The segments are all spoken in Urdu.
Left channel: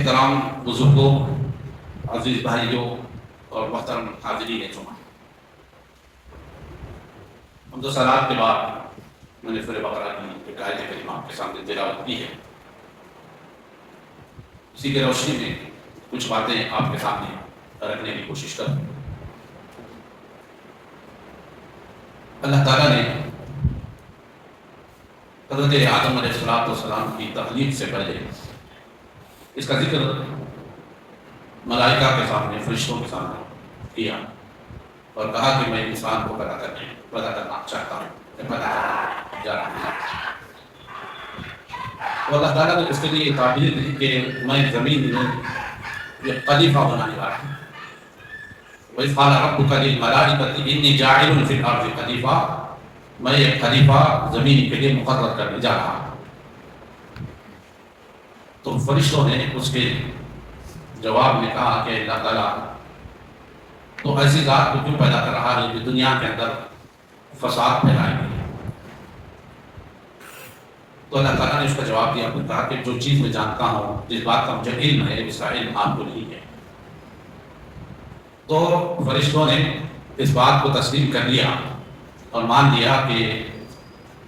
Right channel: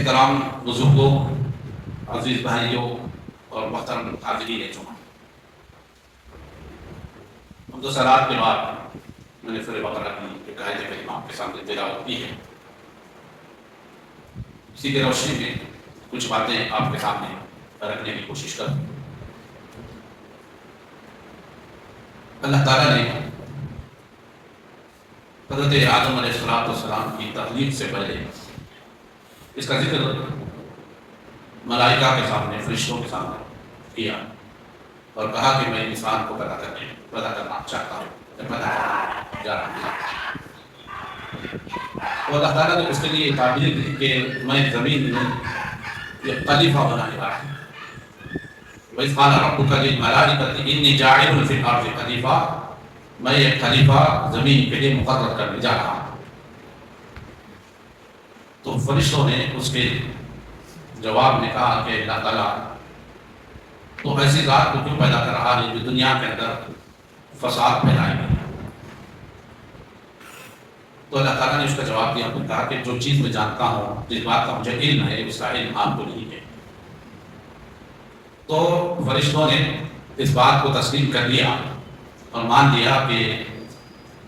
احترام بزرگوں، عزیز بھائیوں اور محترم حاضرین جمعہ، منذ صلات کے بعد میں نے سورہ بقرہ کی ایک آیت کریمہ آپ کے سامنے تلاوت کی ہے۔ اسی کی روشنی میں کچھ باتیں آپ کے سامنے رکھنے کی کوشش کروں۔ اللہ تعالیٰ نے حضرت آدم علیہ السلام کی تخلیق سے پہلے اس کا ذکر ملائکہ کے سامنے، فرشتوں کے سامنے کیا اور کہا کہ میں انسان کو پیدا کرنا چاہتا ہوں، جا رہا ہوں۔ تو اللہ تعالیٰ نے اس کے لیے قابل دی کہ میں زمین میں یہ خلیفہ بنانے والا ہوں۔ وَإِذْ قَالَ رَبُّكَ لِلْمَلَائِكَةِ إِنِّي جَاعِلٌ فِي الْأَرْضِ خَلِيفَةً، میں ایک خلیفہ زمین کے لیے مقرر کرنے جا رہا ہوں۔ تو فرشتوں نے اس کے جواب میں کہا کہ اللہ تعالیٰ تو ایسی ذات کو کیوں پیدا کر رہا ہے جو دنیا کے اندر فساد پھیلائے گی؟ تو اللہ تعالیٰ نے اس کا جواب دیا، اور کہا کہ جو چیز میں جانتا ہوں، جس بات کا مجھے علم ہے، اس کا علم آپ کو نہیں ہے۔ تو فرشتوں نے اس بات کو تسلیم کر لیا اور مان لیا کہ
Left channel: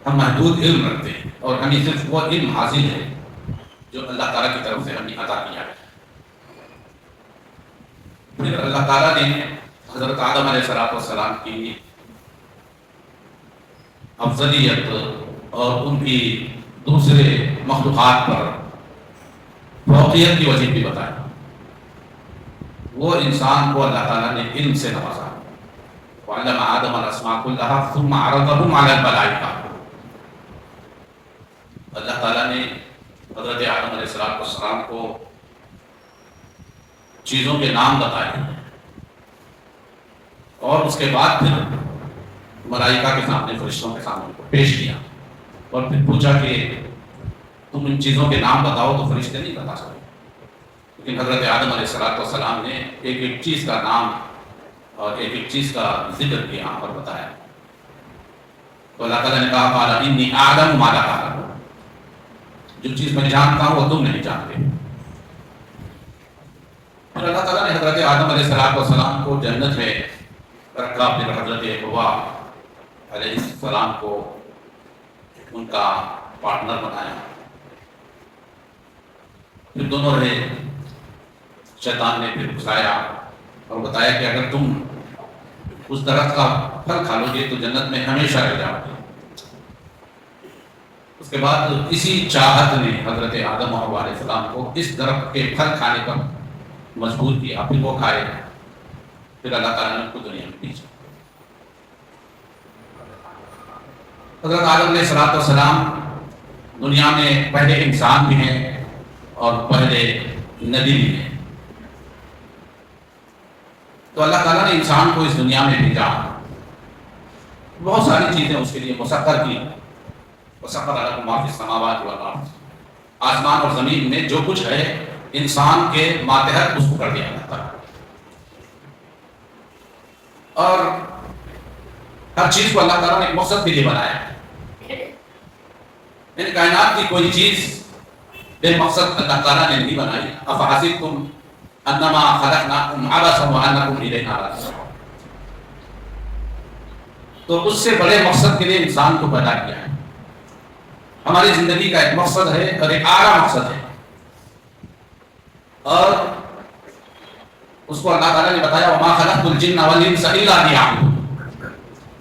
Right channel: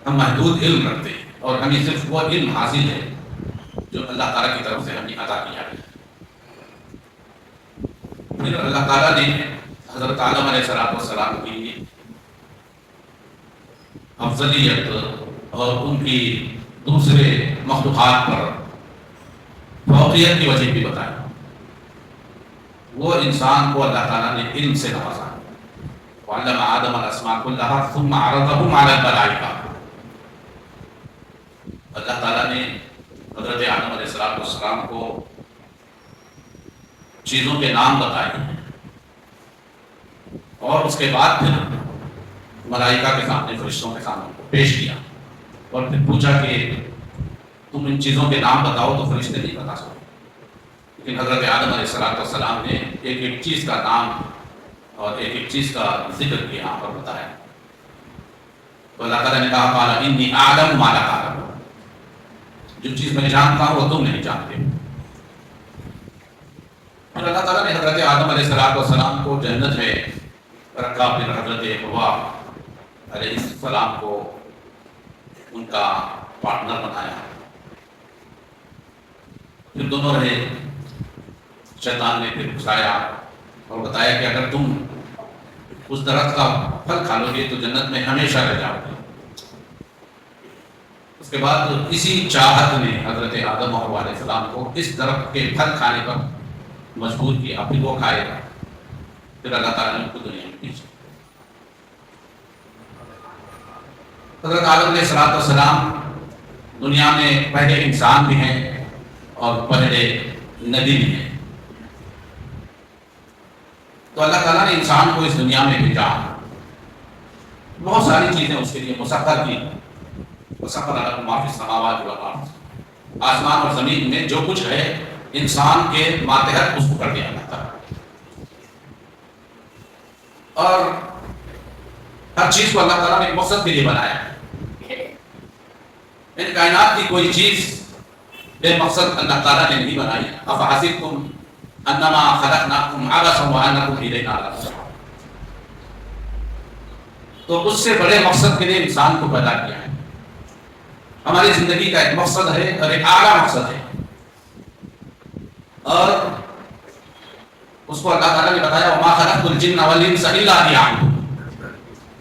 ہم محدود علم رکھتے ہیں اور ہمیں صرف وہ علم حاصل ہے جو اللہ تعالیٰ کی طرف سے ہمیں عطا کیا گیا۔ پھر اللہ تعالیٰ نے حضرت آدم علیہ السلام کی افضلیت اور ان کی دوسرے مخلوقات پر فوقیت کی وجہ بھی بتائی۔ وہ انسان کو اللہ تعالیٰ نے علم سے نوازا۔ وَعَلَّمَ آدَمَ الْأَسْمَاءَ كُلَّهَا ثُمَّ عَرَضَهُمْ عَلَى الْمَلَائِكَةِ، اللہ تعالیٰ نے حضرت آدم علیہ السلام کو چیزوں کے نام بتائے اور اس کے بعد پھر ملائکہ کے سامنے، فرشتوں کے سامنے کو پیش کیا اور پھر پوچھا کہ تم ان چیزوں کے نام بتاؤ، تو فرشتے نہیں بتا سکتے، لیکن حضرت آدم علیہ السلام نے ایک ایک چیز کا نام اور ایک ایک چیز کا ذکر کیا اور بتایا۔ تو اللہ تعالیٰ نے کہا قال انی اعلم ما لا تعلمون، جو چیز میں جانتا ہوں وہ تم نہیں جانتے۔ اور اللہ تعالیٰ نے حضرت آدم علیہ السلام کو جنت میں رکھا، پھر حضرت حوا علیہ السلام کو ان کا پارٹنر بنایا، پھر دونوں رہے۔ شیطان نے پھر گھسایا اور بتایا کہ اگر تم اس درخت کا پھل کھا لو گے تو جنت میں ہمیشہ رہ جاؤ گے۔ اس کے بعد اسی چاہت نے حضرت آدم اور حوا علیہ السلام کو اس درخت کے پھل کھانے پر مجبور کیا، پھر وہ کھائے، پھر اللہ تعالیٰ نے ان کو دنیا میں بھیجا۔ حضرت آدم علیہ السلام دنیا میں پہلے انسان بھی ہیں اور پہلے نبی بھی ہیں۔ تو اللہ تعالیٰ نے انسان کو اس دنیا میں بھیجا، بہت ساری چیزیں اس کے لیے مسخر کی۔ وَسَخَّرَ لَكُم مَّا فِي السَّمَاوَاتِ وَالْأَرْضِ، آسمان اور زمین میں جو کچھ ہے انسان کے ماتحت اس کو کر دیا جاتا ہے، اور ہر چیز کو اللہ تعالیٰ نے ایک مقصد کے لیے بنایا ہے۔ ان کائنات کی کوئی چیز بے مقصد اللہ تعالیٰ نے نہیں بنائی۔ أَفَحَسِبْتُمْ أَنَّمَا خَلَقْنَاكُمْ عَبَثًا وَأَنَّكُمْ إِلَيْنَا لَا تُرْجَعُونَ، تو اس سے بڑے مقصد کے لیے انسان کو پیدا کیا ہے۔ ہماری زندگی کا ایک مقصد ہے اور ایک اعلیٰ مقصد ہے، اور اس کو اللہ تعالیٰ نے بتایا وَمَا خَلَقْتُ الْجِنَّ وَالْإِنسَ إِلَّا لِيَعْبُدُونِ۔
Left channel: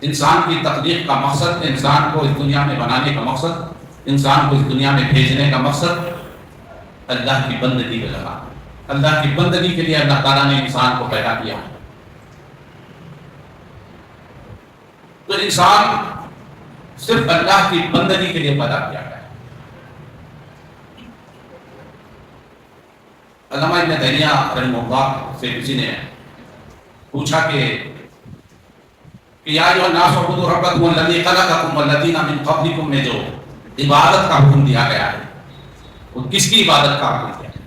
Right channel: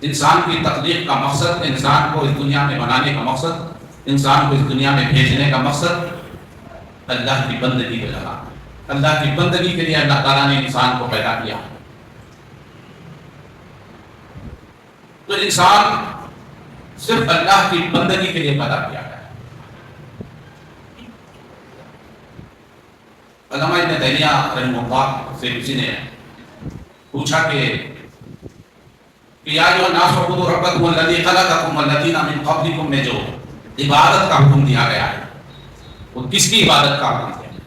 انسان کی تخلیق کا مقصد، انسان کو اس دنیا میں بنانے کا مقصد، انسان کو اس دنیا میں بھیجنے کا مقصد اللہ کی بندگی کا لگا۔ اللہ کی بندگی کے لیے اللہ تعالیٰ نے انسان کو پیدا کیا۔ تو انسان صرف اللہ کی بندگی کے لیے پیدا کیا گیا۔ علامہ ابن تیمیہ رحمہ اللہ سے کسی نے پوچھا کہ یا ایھا الناس اعبدوا ربکم الذی خلقکم والذین من قبلکم میں جو عبادت کا حکم دیا گیا ہے، وہ کس کی عبادت کا حکم دیا گیا ہے،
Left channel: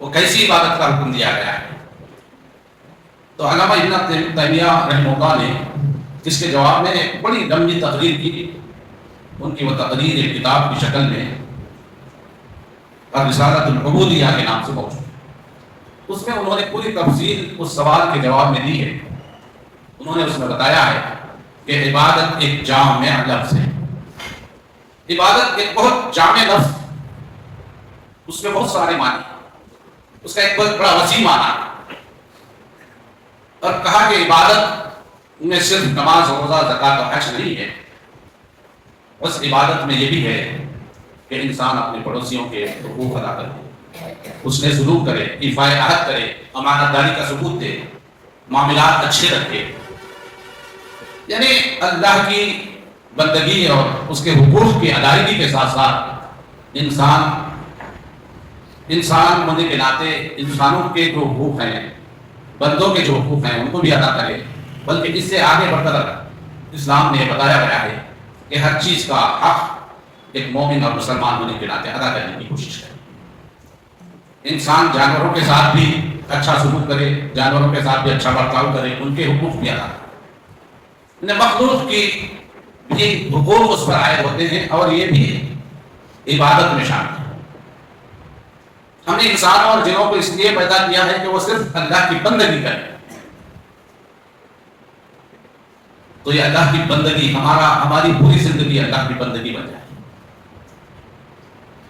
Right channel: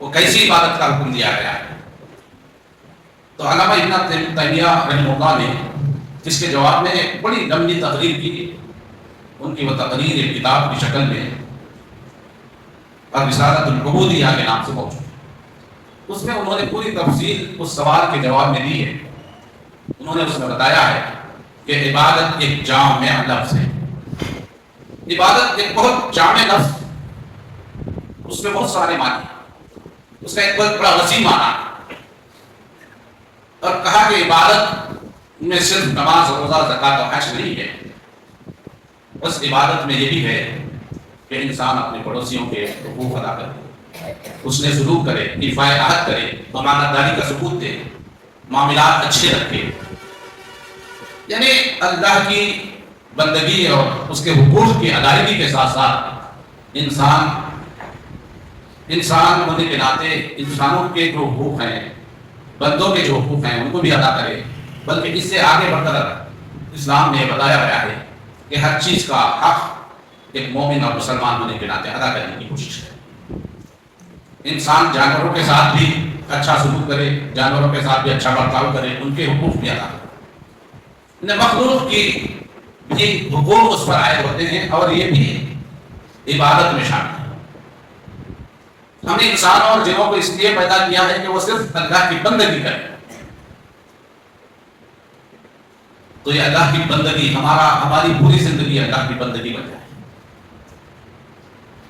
وہ کیسی عبادت کا حکم دیا گیا ہے؟ تو علامہ ابن تیمیہ رحمہ اللہ نے جس کے جواب میں ایک بڑی لمبی تقریر کی، ان کی وہ تقریر ایک کتاب کی شکل میں اور رسالۃ العبودیہ کے نام سے موجود ہے۔ اس میں انہوں نے پوری تفصیل اس سوال کے جواب میں دی ہے۔ انہوں نے اس میں بتایا ہے کہ عبادت ایک جامع لفظ ہے، عبادت ایک بہت جامع لفظ، اس میں بہت سارے معنی، اس کا ایک بہت بڑا وسیع معنی ہے۔ اور کہا کہ عبادت میں صرف نماز روزہ زکوٰۃ اور حج نہیں ہے، بس عبادت میں یہ بھی ہے کہ انسان اپنے پڑوسیوں کے حقوق ادا کرے، اس نے سلوک کرے، ایفائے عہد کرے، امانت داری کا ثبوت دے، معاملات اچھے رکھے، یعنی اللہ کی بندگی اور اس کے حقوق کی ادائیگی کے ساتھ ساتھ انسان ہونے کے ناطے انسانوں کے جو حقوق ہیں، بندوں کے جو حقوق ہیں ان کو بھی ادا کرے، بلکہ اس سے آگے بڑھ کر اسلام نے بتایا گیا ہے کہ ہر چیز کا حق ایک مومن اور مسلمان ہونے کے ناطے ادا کرنے کی کوشش کرے۔ انسان جانوروں کے ساتھ بھی اچھا سلوک کرے، جانوروں کے ساتھ بھی اچھا برتاؤ کرے، ان کے حقوق بھی ادا کرے۔ مخلوق کی بھی حقوق اس پر عائد ہوتے ہیں اور یہ بھی عبادت میں شامل ہے۔ ہم نے انسانوں اور جنوں کو اس لیے پیدا کیا ہے کہ وہ صرف اللہ کی بندگی کریں، تو یہ اللہ کی بندگی ہماری پوری زندگی اللہ کی بندگی بن جائے۔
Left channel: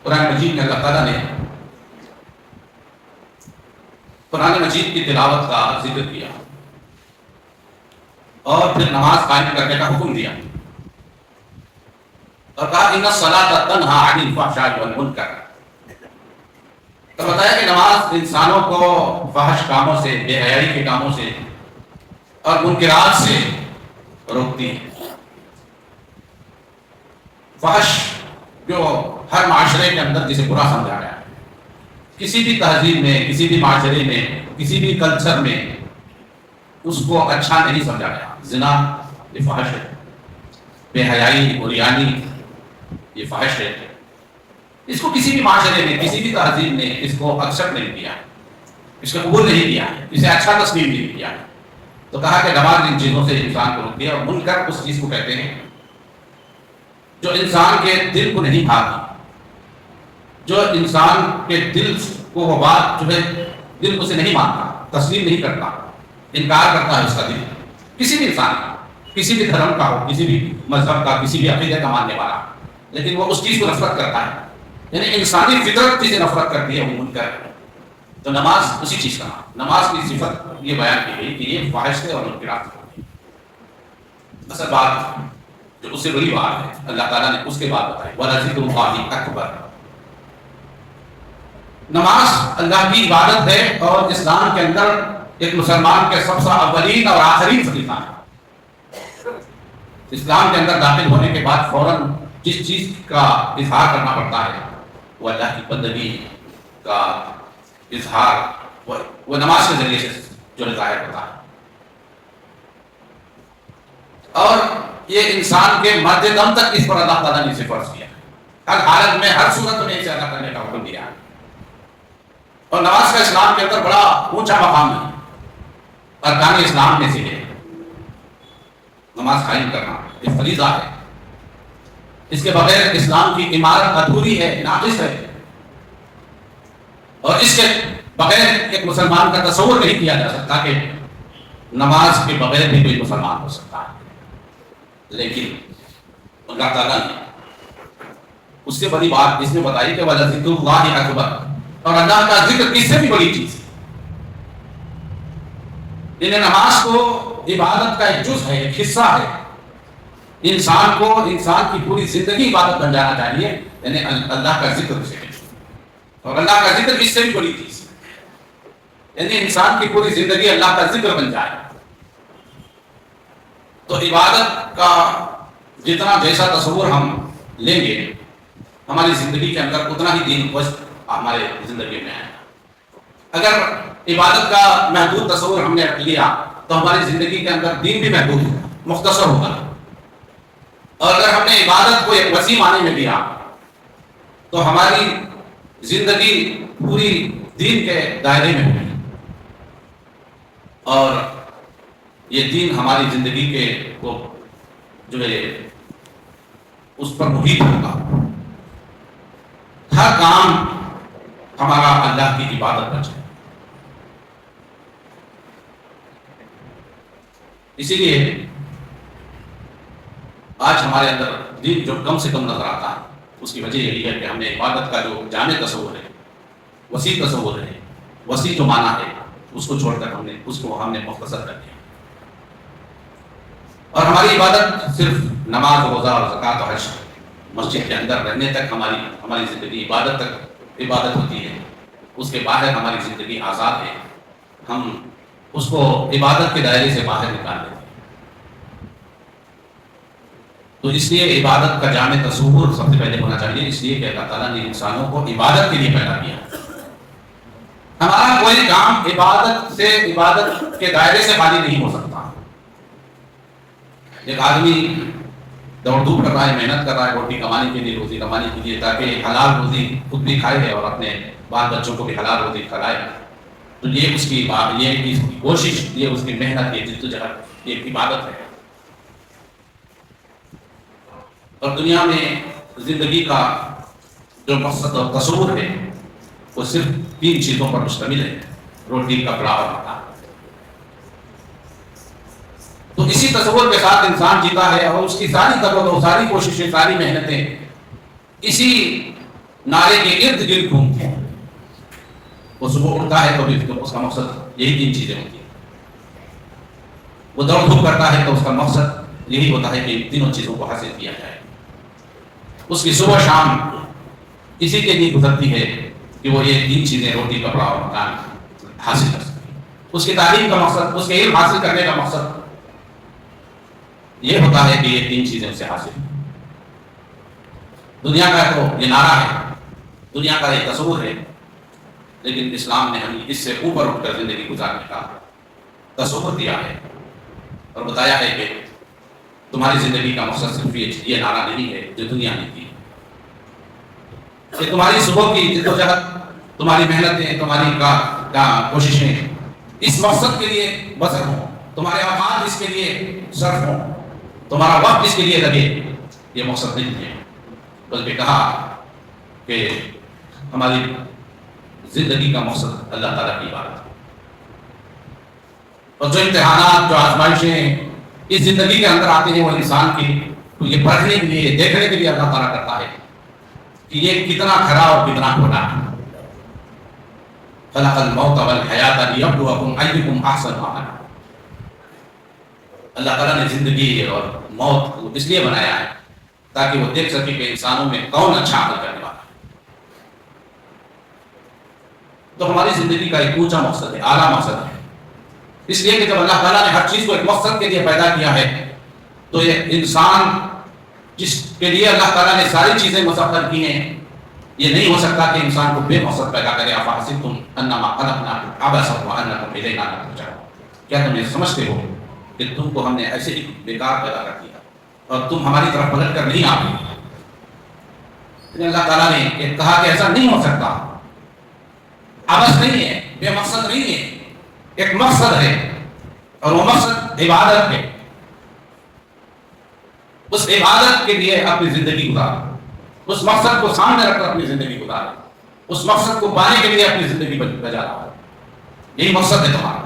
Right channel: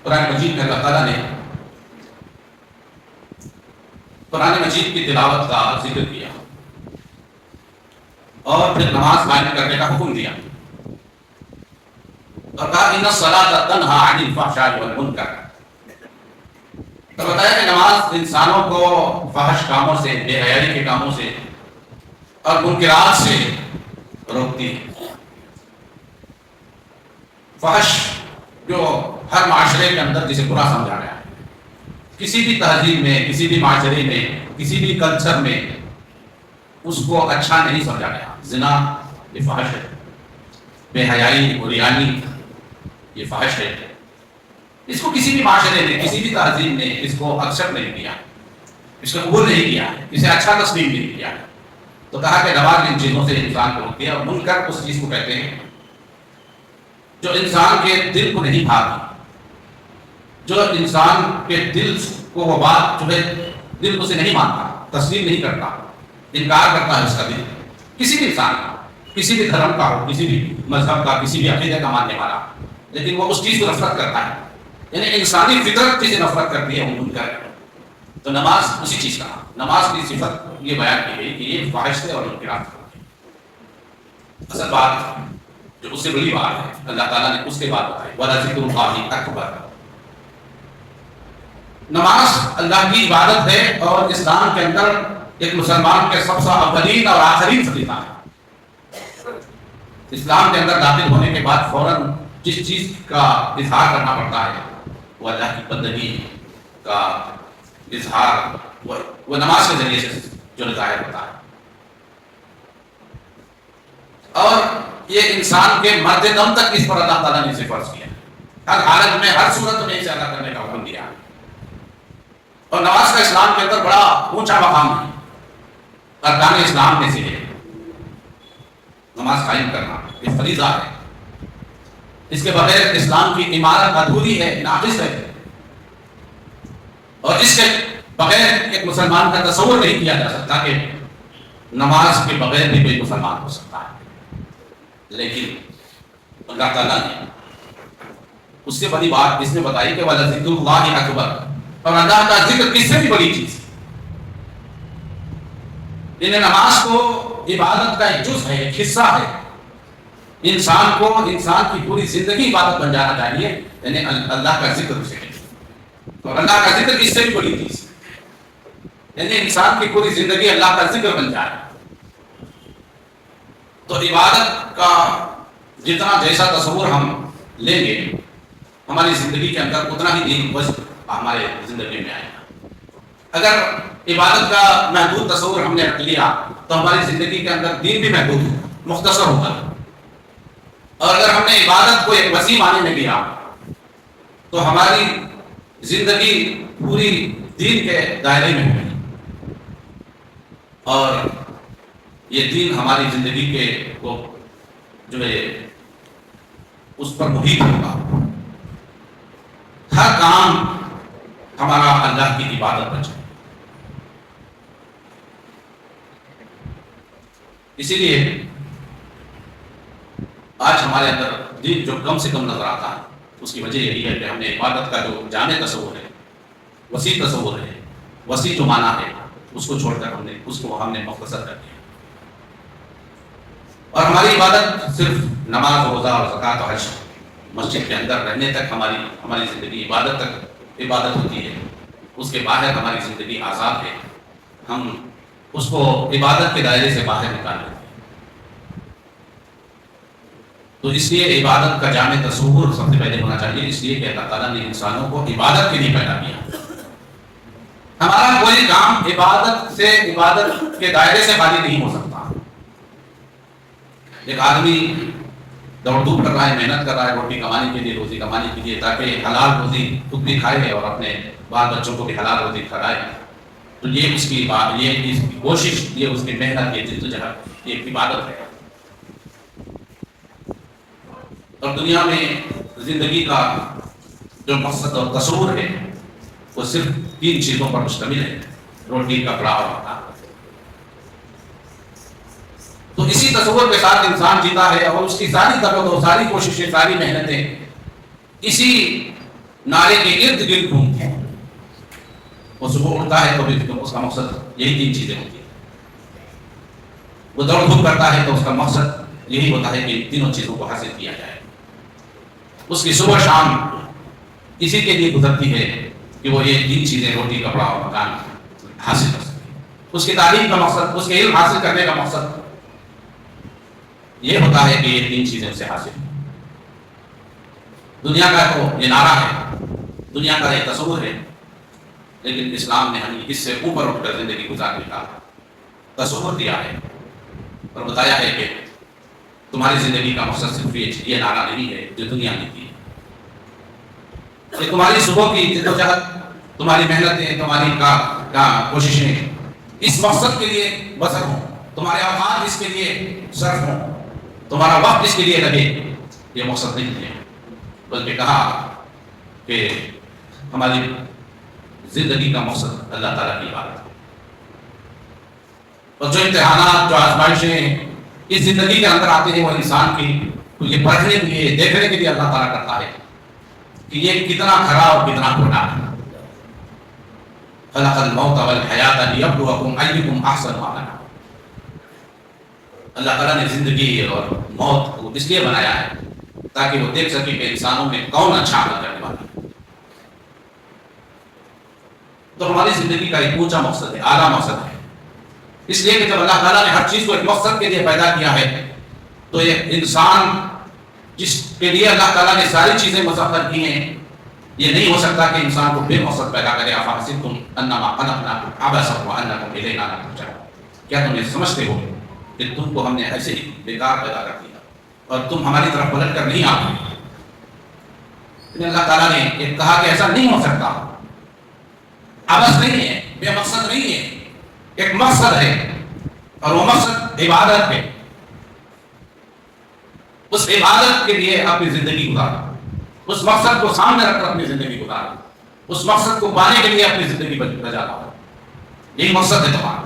قرآن مجید میں اللہ تعالیٰ نے قرآن مجید کی تلاوت کا ذکر کیا اور پھر نماز قائم کرنے کا حکم دیا اور کہا ان الصلاۃ تنہی عن الفحشاء والمنکر، تو بتایا کہ نماز انسانوں کو فحش کاموں سے، بے حیائی کے کاموں سے اور منکرات سے روکتی ہے۔ فحش جو ہر معاشرے کے اندر جسے برا سمجھا گیا ہے، کسی بھی تہذیب میں، کسی بھی معاشرے میں، کسی بھی کلچر میں اس کو اچھا نہیں سمجھا گیا۔ زنا یہ فحش ہے، بے حیائی، عریانی یہ فحش ہے، اس کو کسی بھی معاشرے میں، کسی بھی تہذیب نے اس کو ایکسپٹ نہیں کیا، اس کو قبول نہیں کیا، اسے اچھا تسلیم نہیں کیا۔ تو کہا کہ نماز ان چیزوں سے انسان کو روک دیا، اور منکر اس چیز کو کہتے ہیں جو انسان کے دل کو نہیں بھاتی، جو انسان کے دل کو وہ بات جو ہے دل اسے نہیں مانتا، تسلیم نہیں کرتا، انکار کرتا ہے اس کا دل، کسی بھی انسان کا، کسی بھی دھرم کا ہو، کسی بھی مذہب کا، کسی بھی عقیدے کا ماننے والا، لیکن وہ اس چیز کو نفرت کرتا ہے، یعنی انسانی فطرت جسے نفرت کرتی ہے وہ منکر ہے۔ تو نماز اسی چیز کا، نماز کی صفت یہ بیان کی گئی کہ یہ فحش ہے اور منکرات ہے۔ اصل بات جو اس سے بڑی بات ہے اللہ تعالیٰ نے اس کے بعد بتائی، وَلَذِكْرُ اللَّهِ أَكْبَرُ۔ نماز اللہ کی عبادت ہے اور اسلام کے اندر ایک مسلمان کے سب سے اولین اور آخرین فریضہ ہے۔ اسلام کے اندر داخل ہونے کے بعد فوراً جس چیز کا اظہار کرنا پڑتا ہے وہ اللہ کی بندگی کا اظہار وہ نماز کے ذریعے سے جو ظاہر ہوتا ہے، اور یہ انسان کے مرد دم تک اس پر اللہ تعالیٰ نے اسے فرض کیا، ہر حالت میں، ہر صورت میں اسے ادا کرنے کا حکم دیا۔ اور نماز کا اسلام کے اندر بڑا اونچا مقام ہے، ارکان اسلام میں سے ہے نماز قائم کرنا، یہ فریضہ ہے، اس کے بغیر اسلام کی عمارت ادھوری ہے، ناقص ہے، اور اس کے بغیر ایک مسلمان کا تصور نہیں کیا جا سکتا کہ نماز کے بغیر بھی کوئی مسلمان ہو سکتا ہے۔ لیکن اللہ تعالیٰ نے اس سے بڑی بات اس نے بتائی کہ وَلَذِكْرُ اللَّهِ أَكْبَرُ، اور اللہ کا ذکر کس سے بھی بڑی چیز ہے۔ یعنی نماز کو عبادت کا ایک جز ہے، ایک حصہ ہے، انسان کو، انسان کی پوری زندگی عبادت بن جانا چاہیے، یعنی اللہ کا ذکر اسے ہے، اور اللہ کا ذکر کس سے بھی بڑی چیز ہے، یعنی انسان کی پوری زندگی اللہ کا ذکر بن جائے۔ تو عبادت کا جتنا جیسا تصور ہم لیں گے ہماری زندگی کے اندر اتنا ہی دین وجہ ہمارے زندگی میں آئے گا۔ اگر عبادت کا محدود تصور ہم نے رکھ لیا تو ہماری زندگی کے اندر دین بھی محدود ہوگا، مختصر ہوگا، اور اگر ہم نے عبادت کو ایک وسیع معنی میں لیا تو ہماری زندگی پوری دین کے دائرے میں ہوگی، اور یہ دین ہماری زندگی کے کو جو ہے اس پر محیط ہوگا۔ ہر کام ہمارا اللہ کی عبادت بچ جائے۔ اسی لیے آج ہمارے اندر دین جو کم سے کم نظر آتا ہے، اس کی وجہ یہی ہے کہ ہم نے عبادت کا جو جامع تصور ہے، وسیع تصور ہے، وسیع جو معنی ہے، اس کو چھوڑ کر ہم نے مختصر کر دیا۔ اور ہماری عبادت صرف نماز، روزہ اور زکوٰۃ و حج، مسجد کے اندر رہنے تک ہماری زندگی عبادت ہوتی ہے۔ اس کے باہر ہماری زندگی آزاد ہے، ہم اس کو عبادت کے دائرے سے باہر نکال دیتے ہیں۔ تو اس لیے عبادت کا جامع تصور سب سے پہلے ہونا چاہیے، اس لیے کہ اللہ تعالیٰ نے انسانوں کو عبادت کے لیے پیدا کیا۔ ہمارا کوئی کام عبادت کے دائرے سے خالی نہیں ہو سکتا۔ ایک آدمی دوڑ دھوپ کر رہا ہے، محنت کر رہا ہے روٹی کمانے کے لیے، روزی کمانے کے لیے، تاکہ حلال روزی خود بھی کھائے اور اپنے بال بچوں کو بھی حلال روزی کھلائے، تو یہ اس کی کوشش، یہ اس کی محنت، یہ جدوجہد، یہ ایک عبادت ہے۔ اور دنیا میں زندگی کا جو مقصد اور تصور ہے وہ صرف 3 چیزوں پر مشتمل ہے: روٹی، کپڑا اور مکان۔ تو اسی تصور کے ساتھ انسان جیتا ہے، اور اس کی ساری طاقت، ساری کوششیں، ساری محنتیں اسی نعرے کے ارد گرد گھومتی ہیں۔ وہ صبح اٹھتا ہے تو اس کا مقصد یہی 3 چیزیں ہوتی ہیں۔ وہ دوڑ دھوپ کرتا ہے تو اس کا مقصد یہی ہوتا ہے کہ تینوں چیزوں کو حاصل کیا جائے۔ اس کی صبح شام اسی کے لیے گزرتی ہے کہ وہ یہ 3 چیزیں، روٹی، کپڑا اور مکان، حاصل کر سکے۔ اس کی تعلیم کا مقصد، اس کے علم حاصل کرنے کا مقصد یہ ہوتا ہے کہ یہ 3 چیزیں اسے حاصل ہیں۔ دنیا کا تو یہ نعرہ ہے، دنیا کا یہ تصور ہے، لیکن اسلام نے ہمیں اس سے اوپر اٹھ کر زندگی گزارنے کا تصور دیا ہے اور بتایا ہے کہ تمہاری زندگی کا مقصد صرف یہ نعرہ نہیں ہے جو دنیا نے کی ہے، کہ تمہاری صبح کی جدوجہد، تمہاری محنتیں، تمہاری کوششیں اس مقصد کے لیے بسر ہوں، تمہارے اوقات اس کے لیے صرف ہوں، تمہارا وقت اس کے لیے لگے۔ یہ مقصد نہیں ہے، بلکہ کہا کہ ہماری زندگی کا مقصد اللہ تعالیٰ کی عبادت ہے۔ اور جو امتحانات، جو آزمائشیں اس زندگی کے اندر آتے ہیں، وہ انسان کی یہ پڑھنے کے لیے، دیکھنے کے لیے اللہ تعالیٰ کرتا ہے کہ یہ کتنا کھرا اور کتنا کھوٹا ہے۔ خلق الموت والحیات لیبلوکم ایکم احسن عملا۔ اللہ تعالیٰ نے زندگی اور موت کو اس لیے بنایا ہے تاکہ وہ دیکھ سکے کہ انسانوں میں کون اچھا عمل کرنے والا ہے۔ تو ہماری زندگی کا ایک اونچا مقصد ہے، اعلیٰ مقصد ہے، اس لیے کہ جب اللہ تعالیٰ نے ہر چیز کو ایک مقصد کے لیے پیدا کیا ہے تو یہ انسان جس کے لیے اللہ تعالیٰ نے ساری چیزیں مسخر کی ہیں، یہ نہیں ہو سکتا کہ انسان کو بے مقصد پیدا کرے۔ افحسبتم انما خلقناکم عبثا وانکم الینا لا ترجعون۔ کیا تم یہ سمجھتے ہو کہ تم کو ہم نے ایسے ہی بیکار پیدا کر دیا اور تم ہماری طرف پلٹ کر نہیں آتے؟ لیکن اللہ تعالیٰ نے یہ کہا کہ ایسا نہیں ہو سکتا، عبث نہیں ہے، بے مقصد نہیں ہے، ایک مقصد ہے، اور وہ مقصد عبادت ہے۔ اس عبادت کے لیے اپنی زندگی گزارو، اس مقصد کو سامنے رکھ کر اپنی زندگی گزارو، اس مقصد کو پانے کے لیے اپنی زندگی بجا لاؤ۔ یہی مقصد ہے تمہارا۔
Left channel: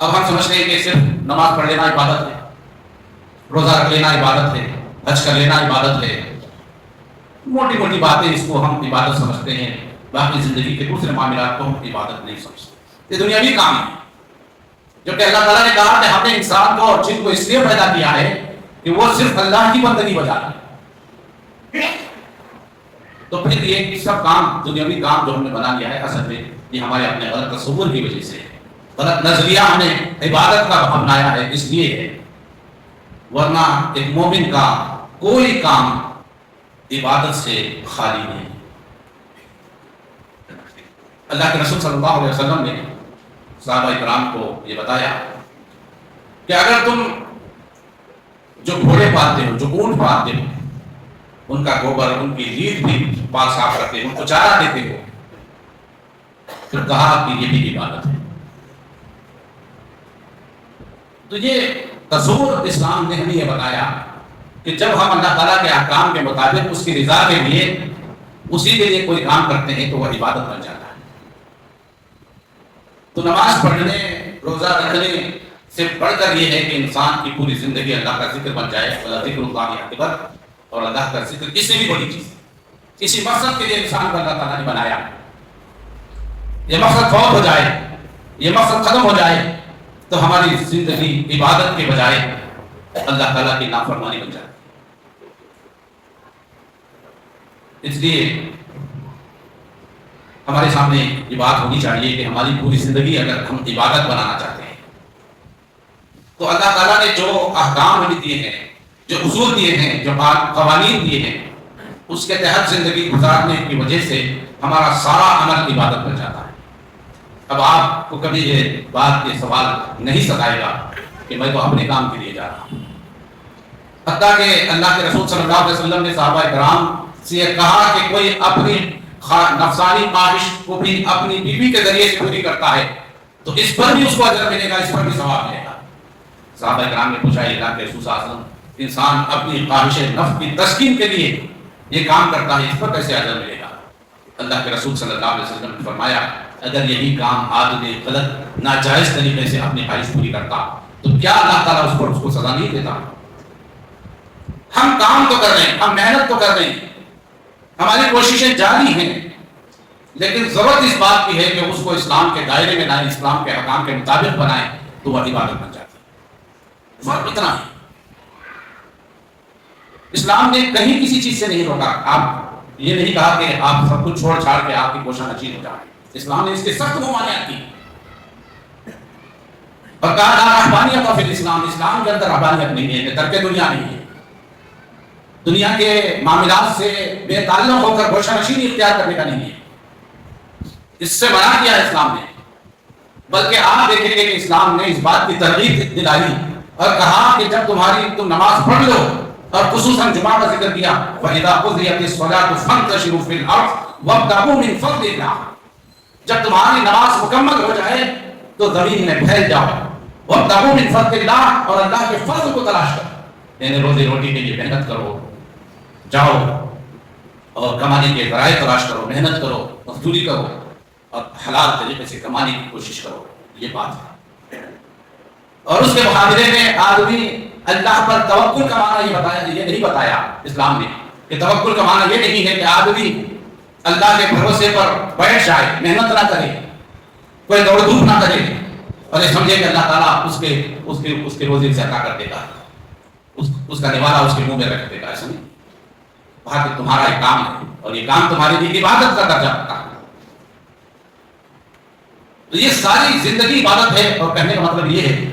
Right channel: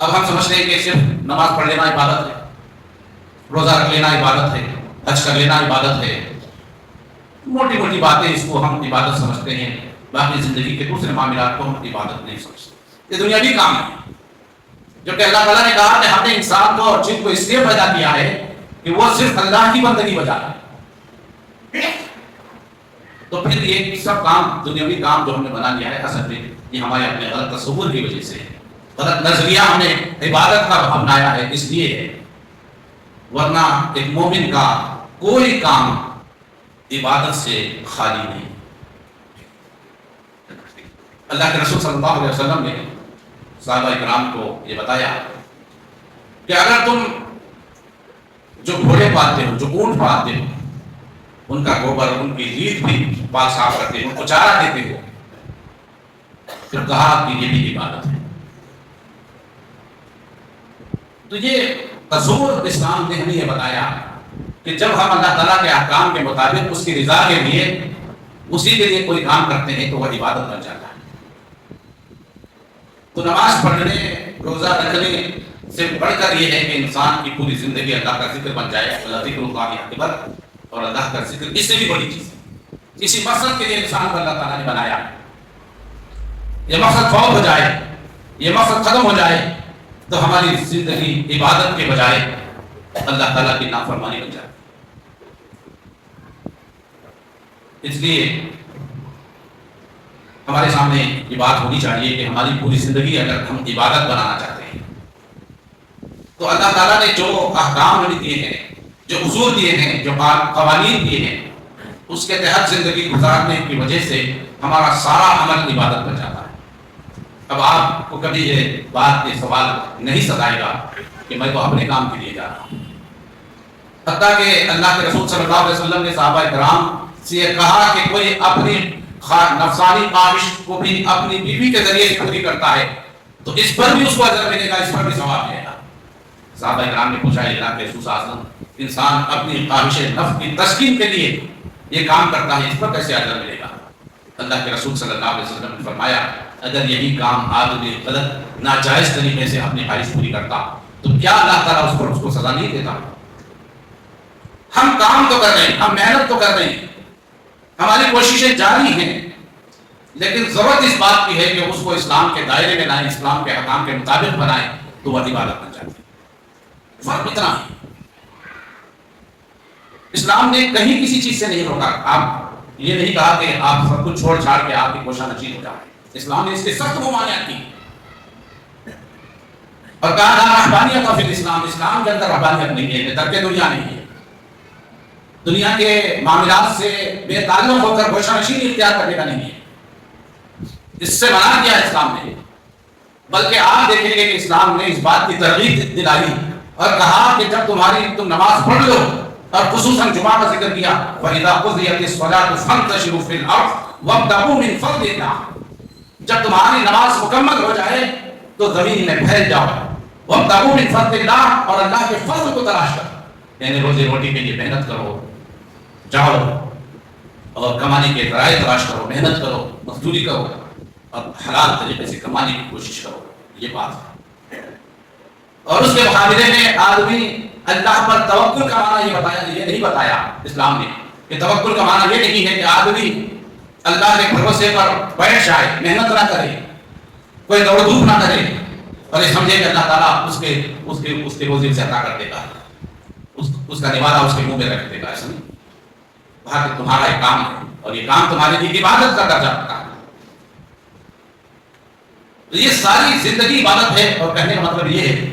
اب ہم سمجھتے ہیں کہ صرف نماز پڑھ لینا عبادت ہے، روزہ رکھ لینا عبادت ہے، حج کر لینا عبادت ہے، موٹی موٹی باتیں اس کو ہم عبادت سمجھتے ہیں، باقی زندگی کے دوسرے معاملات کو ہم عبادت نہیں سمجھتے۔ یہ دنیاوی کام ہے جو کہ اللہ تعالیٰ نے کہا کہ ہم نے انسان کو اور جن کو اس لیے پیدا کیا ہے کہ وہ صرف اللہ کی بندگی بجائے۔ تو پھر یہ سب کام، دنیاوی کام جو ہم نے بنا لیا ہے، اصل میں یہ ہمارے اپنے غلط تصور کی وجہ سے ہے، غلط نظریہ ہمیں عبادت کا اپنایا ہے، اس لیے ہے۔ ورنہ ایک مومن کا کوئی کام عبادت سے خالی نہیں۔ اللہ کے رسول صلی اللہ علیہ وسلم نے صحابہ اکرام کو یہ بتایا کہ اگر تم جو گھوڑے پالتے ہو، جو اونٹ پالتے ہو، ان کا گوبر، ان کی لیٹ بھی پاک صاف رکھتے ہو، ان کو چارہ دیتے ہو، پھر کہا کہ یہ بھی عبادت ہے۔ تو یہ تصور اسلام نے ہمیں یہ بتایا کہ جب ہم اللہ تعالیٰ کے احکام کے مطابق اس کی رضا کے لیے اسی کے لیے کوئی کام کرتے ہیں تو وہ عبادت بن جاتا ہے. تو نماز پڑھنے روزہ رکھنے سے بڑھ کر یہ ہے کہ انسان کی پوری زندگی اللہ کا ذکر بن جائے. ذکر اللہ اکبر، اور اللہ کا ذکر اس سے بھی بڑی چیز ہے. اسی مقصد کے لیے انسان کو اللہ تعالیٰ نے بنایا. یہ مقصد فوت ہو جائے، یہ مقصد ختم ہو جائے تو ہماری زندگی عبادت کے بجائے اللہ تعالیٰ کی نافرمانی بن جائے. اس لیے ہمارے سامنے یہ بات ہونی چاہیے کہ ہماری پوری زندگی اگر ہم عبادت بنانا چاہتے ہیں تو اللہ تعالیٰ نے جو احکام ہمیں دیے ہیں، جو اصول دیے ہیں، جو قوانین دیے ہیں، اس کے تحت زندگی گزارنے کی وجہ سے ہمارا سارا عمل عبادت بن جاتا ہے. اب آپ کو کبھی یہ بات یہ سوال نہیں ستائے گا کہ میں تو اپنے کام کے لیے جا رہا ہوں. حتیٰ کہ اللہ کے رسول صلی اللہ علیہ وسلم نے صحابہ کرام سے یہ کہا کہ کوئی اپنی نفسانی خواہش کو بھی اپنی بیوی کے ذریعے سے پوری کرتا ہے تو اس پر بھی اس کو اجر ملے گا، اس پر بھی ثواب ملے گا. صحابہ کرام نے پوچھا اللہ کے رسول صلی اللہ علیہ وسلم، انسان اپنی خواہش نفس کی تسکین کے لیے یہ کام کرتا ہے، اس پر کیسے اجر ملے گا؟ اللہ کے رسول صلی اللہ علیہ وسلم نے فرمایا اگر یہی کام آدمی غلط ناجائز طریقے سے اپنی خواہش پوری کرتا تو کیا اللہ تعالیٰ اس کو سزا نہیں دیتا؟ ہم کام تو کر رہے ہیں، ہم محنت تو کر رہے ہیں، ہماری کوششیں جاری ہیں، لیکن ضرورت اس بات کی ہے کہ اس کو اسلام کے دائرے میں لائیں، اسلام کے احکام کے مطابق بنائیں تو وہ عبادت بن جاتی ہے. فرق اتنا ہے. اسلام نے کہیں کسی چیز سے نہیں روکا. آپ یہ نہیں کہا کہ آپ سب کچھ چھوڑ چھاڑ کے آپ کی کوشاں نشین ہو جائیں. اسلام نے اس کے سخت ممانعت کی اور کہا رہبانیت اور پھر اسلام کے اندر رہبانیت نہیں ہے، ترک دنیا نہیں ہے. دنیا کے معاملات سے بے تعلق ہو کر گوشہ نشینی اختیار کرنے کا نہیں ہے. اس سے منع کیا اسلام نے. بلکہ آپ دیکھیں گے کہ اسلام نے اس بات کی ترغیب دلائی اور کہا کہ جب تم نماز پڑھ لو، اور خصوصاً جمعہ کا ذکر کیا وَإِذَا قُضِيَتِ الصَّلَاةُ فَانتَشِرُوا فِي الْأَرْضِ وَابْتَغُوا مِن فَضْلِ اللَّهِ. جب تمہاری نماز مکمل ہو جائے تو زمین میں پھیل جاؤ. وَابْتَغُوا مِن فَضْلِ اللَّهِ، اور اللہ کے فضل کو تلاش کرو. یعنی روزی روٹی کے لیے محنت کرو، جاؤ اور کمانے کے ذرائع تلاش کرو، محنت کرو، مزدوری کرو اور حلال طریقے سے کمانے کی کوشش کرو. یہ بات ہے. اور اس کے مقابلے میں آدمی اللہ پر توکل کا معنی یہ نہیں بتایا اسلام نے کہ توکل کا معنی یہ نہیں ہے کہ آدمی اللہ کے بھروسے پر بیٹھ جائے، محنت نہ کرے، کوئی دوڑ دھوپ نہ کرے اور یہ سمجھے کہ اللہ تعالیٰ اس کے روزی سے عطا کر دے گا، اس کا نوالہ اس کے منہ میں رکھ دے گا. ایسا نہیں. کہا کہ تمہارا ایک کام ہے اور یہ کام تمہارے لیے عبادت کا درجہ رکھتا ہے. تو یہ ساری زندگی عبادت ہے. اور کہنے کا مطلب یہ ہے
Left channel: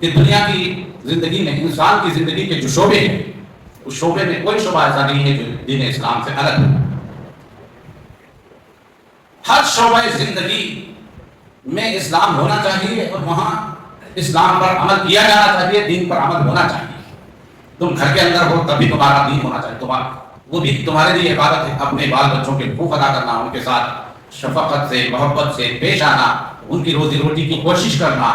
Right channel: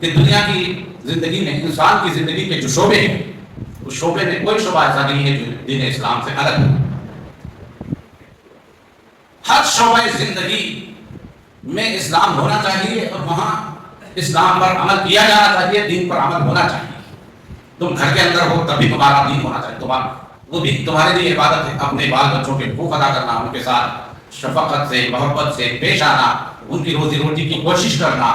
کہ دنیا کی زندگی میں انسان کی زندگی کے جو شعبے ہیں اس شعبے میں کوئی شعبہ ایسا نہیں ہے جو دین اسلام سے الگ ہے. ہر شعبہ زندگی میں اسلام ہونا چاہیے اور وہاں اسلام پر عمل کیا جانا چاہیے، دین پر عمل ہونا چاہیے. تم گھر کے اندر ہو تب بھی تمہارا دین ہونا چاہیے، وہ بھی تمہارے لیے عبادت ہے. اپنے بال بچوں کے حقوق ادا کرنا، ان کے ساتھ شفقت سے محبت سے پیش آنا، ان کی روزی روٹی کی کوشش کرنا،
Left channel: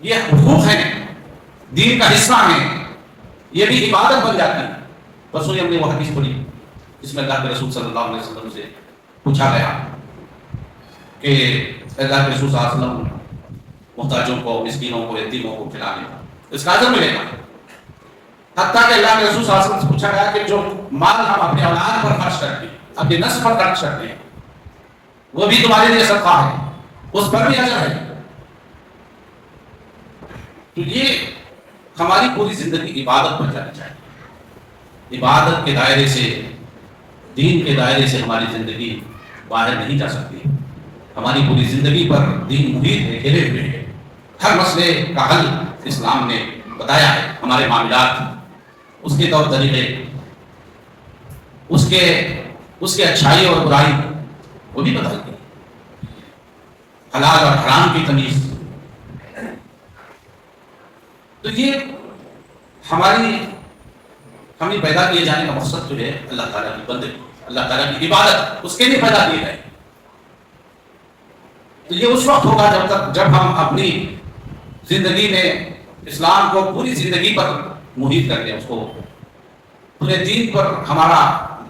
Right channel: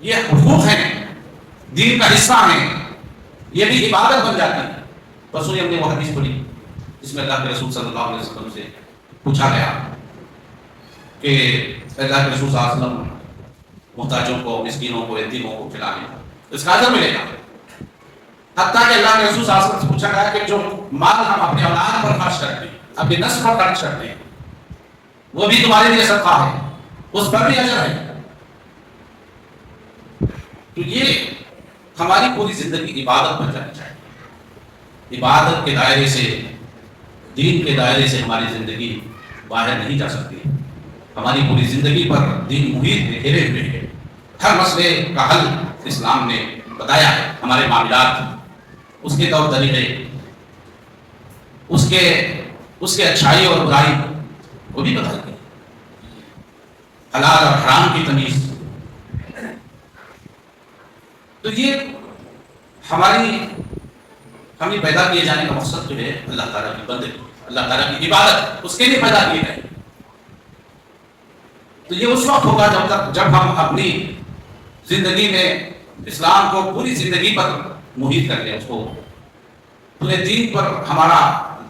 یہ حقوق ہیں، دین کا حصہ ہیں، یہ بھی عبادت بن جاتی ہے. پرسوں ہم نے وہ حدیث پڑھی جس میں اللہ کے رسول صلی اللہ علیہ وسلم سے پوچھا گیا کہ اللہ کے رسول صلی اللہ علیہ وسلم محتاجوں کو، مسکینوں کو، یتیموں کو کھلانے اس کا اجر ملے گا. حتیٰ کہ اللہ کے رسول صلی اللہ علیہ وسلم سے پوچھا گیا کہ جو مال ہم اپنے اولاد پر خرچ کرتے ہیں، اپنی نسل پر خرچ کرتے ہیں، وہ بھی تمہارے لیے صدقہ ہے، اس پر بھی اجر ہے. تو یہ ہماری پوری زندگی عبادت بن جانی چاہیے. عبادت کے دائرے سے، دین کے دائرے سے ہماری زندگی باہر نہیں جا سکتی. ہماری پوری زندگی پر دین محیط ہے، گھیرے ہوئے ہے. ہر مسئلے کا حل اسلام نے بتایا ہے. ہمارے معاملات، اس کے طور طریقے، اس کے اچھائی اور برائی وہ بھی بتائی گئی. حلال اور حرام کی تمیز. تو یہ ہمیں پیدا کیے جانے کا مقصد جو ہے اللہ تعالیٰ کی بندگی، اللہ تعالیٰ کی عبادت، اس کے لیے پیدا کیے گئے. تو یہ اس وقت ہوگا جب ہم اپنی زندگی میں اسلام کو پوری زندگی پر محیط کر لیں، اس کو پورے دین پر ہمارا